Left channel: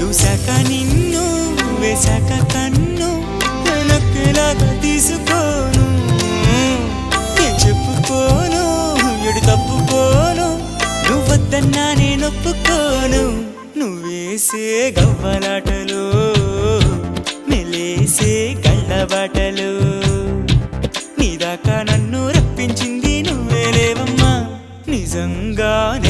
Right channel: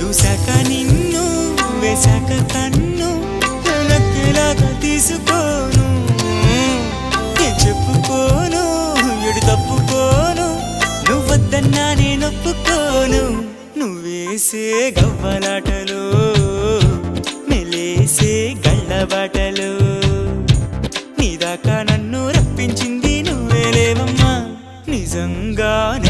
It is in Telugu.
చూశాక నిన్ను వేశాక కన్ను నక్కేలాగా తీసుకోను ఏం చెప్పుకోను ఎడు తప్పుకోను నువ్వద్దన్నా నేనొప్పుకోను నువ్వేసే గవ్వలాటలు మెలేసే గళ్ళబాటలు నీదాకా నన్ను రప్పించింది నువ్వేలేవమ్మా నిజంగానే